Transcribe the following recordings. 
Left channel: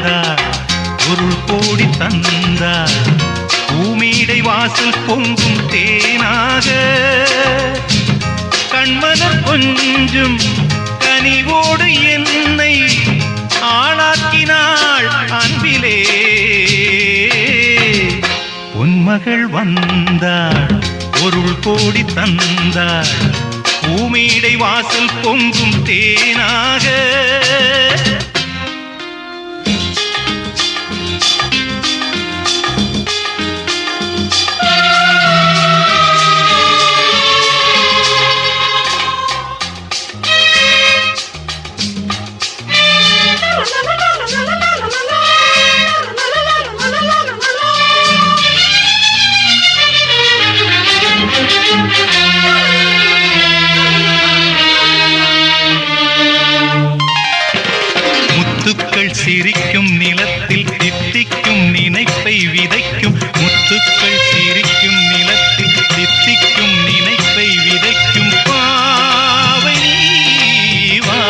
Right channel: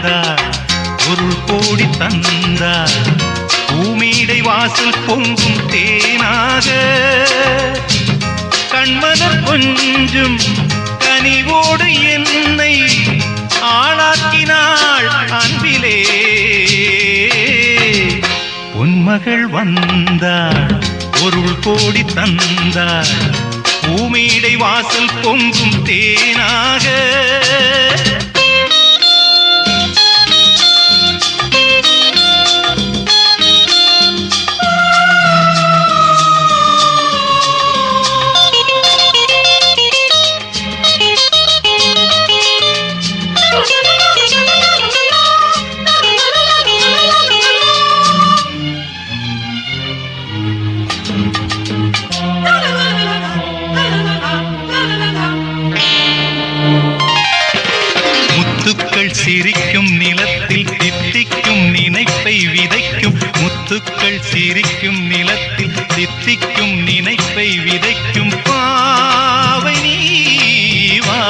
வந்தார் பொருள் கோடி தந்தார் பூமீடை வாசல் பொங்கும் தேனாக கண்மலர் கொஞ்சும் கனிவோடு என்னை ஆளாக்கினாள் அன்பிலே பொன்மகள் வந்தாள் பொருள் கோடி தந்தாள் பூமீடை வாசல் பொங்கும் தேனாக முத்துக்கள் சிரிக்கும் நிலத்தில் தித்திக்கும் நினைப்பை விதைக்கும் முத்துக்கள் சிரிக்கும் நிலத்தில் தித்திக்கும் நினைப்பை விதைக்கும் பாவை நீவா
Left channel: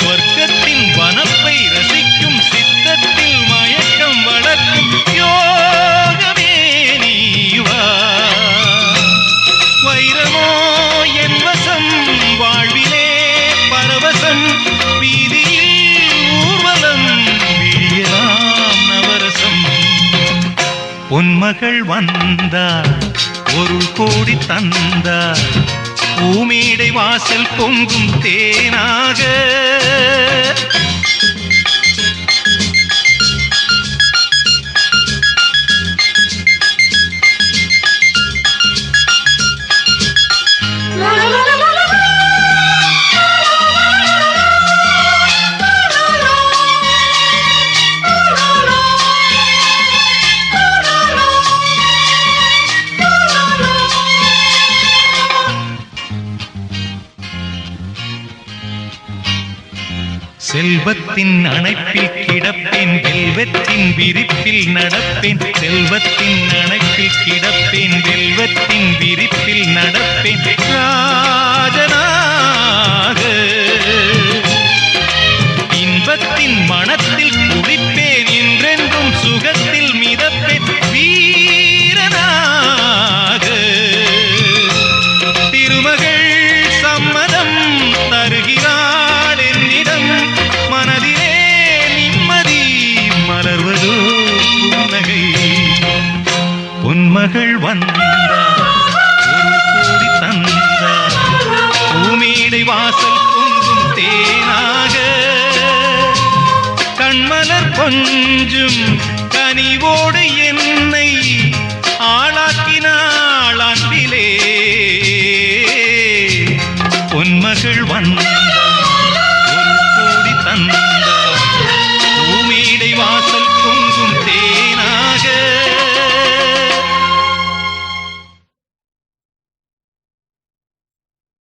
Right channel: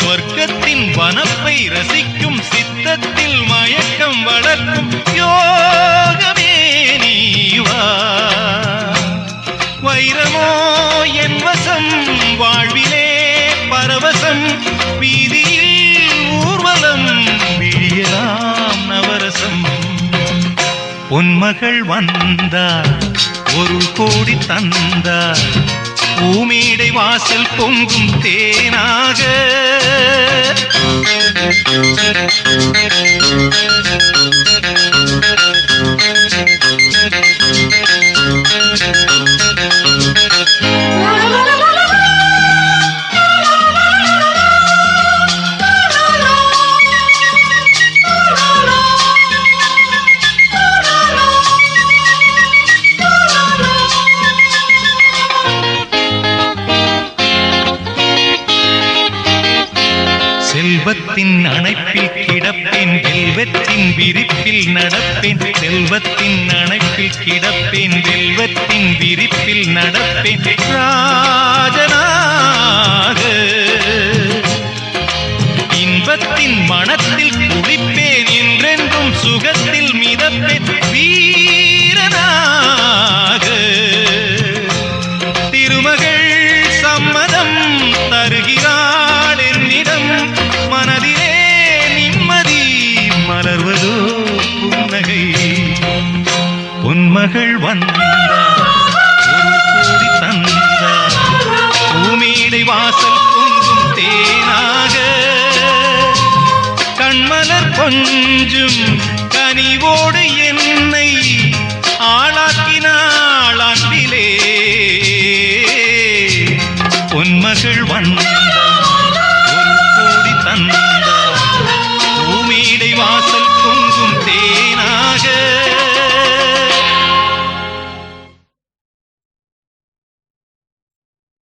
சொர்க்கத்தின் வனப்பை ரசிக்கும் சித்தத்தில் மயக்கம் வளர்க்கும் யோகமே நீவா வைரமோ என் வசம் வாழ்விலே பரவசம் வீதியில் ஊர்வலம் விழியலாம் நவரசம் பொன்மகள் வந்தார் பொருள் கோடி தந்தார் பூமீடை வாசல் பொங்கும் தேனாக செல்வத்தின் அணைப்பில் கிடப்பேன் வெல்வத்தின் விரிப்பில் நடப்பேன் செல்வத்தின் அணைப்பில் கிடப்பேன் வெல்வத்தின் விரிப்பில் நடப்பேன் ராஜனாக இன்பத்தின் மனத்தில் குளிப்பேன் என்றென்றும் சுகத்தில் மிதப்பேன் வீரனாக திருமகள் சம்மதம் தருகிறாள் என்னிடம் மனதிலே நிம்மதி மலர்வதோ புன்னகை பொன்மகள் வந்தார் பொருள் கோடி தந்தார் பூமீடை வாசல் பொங்கும் தேனாக கண்மலர் கொஞ்சும் கனிவோடு என்னை ஆளாக்கினாள் அன்பிலே பொன்மகள் வந்தார் பொருள் கோடி தந்தார்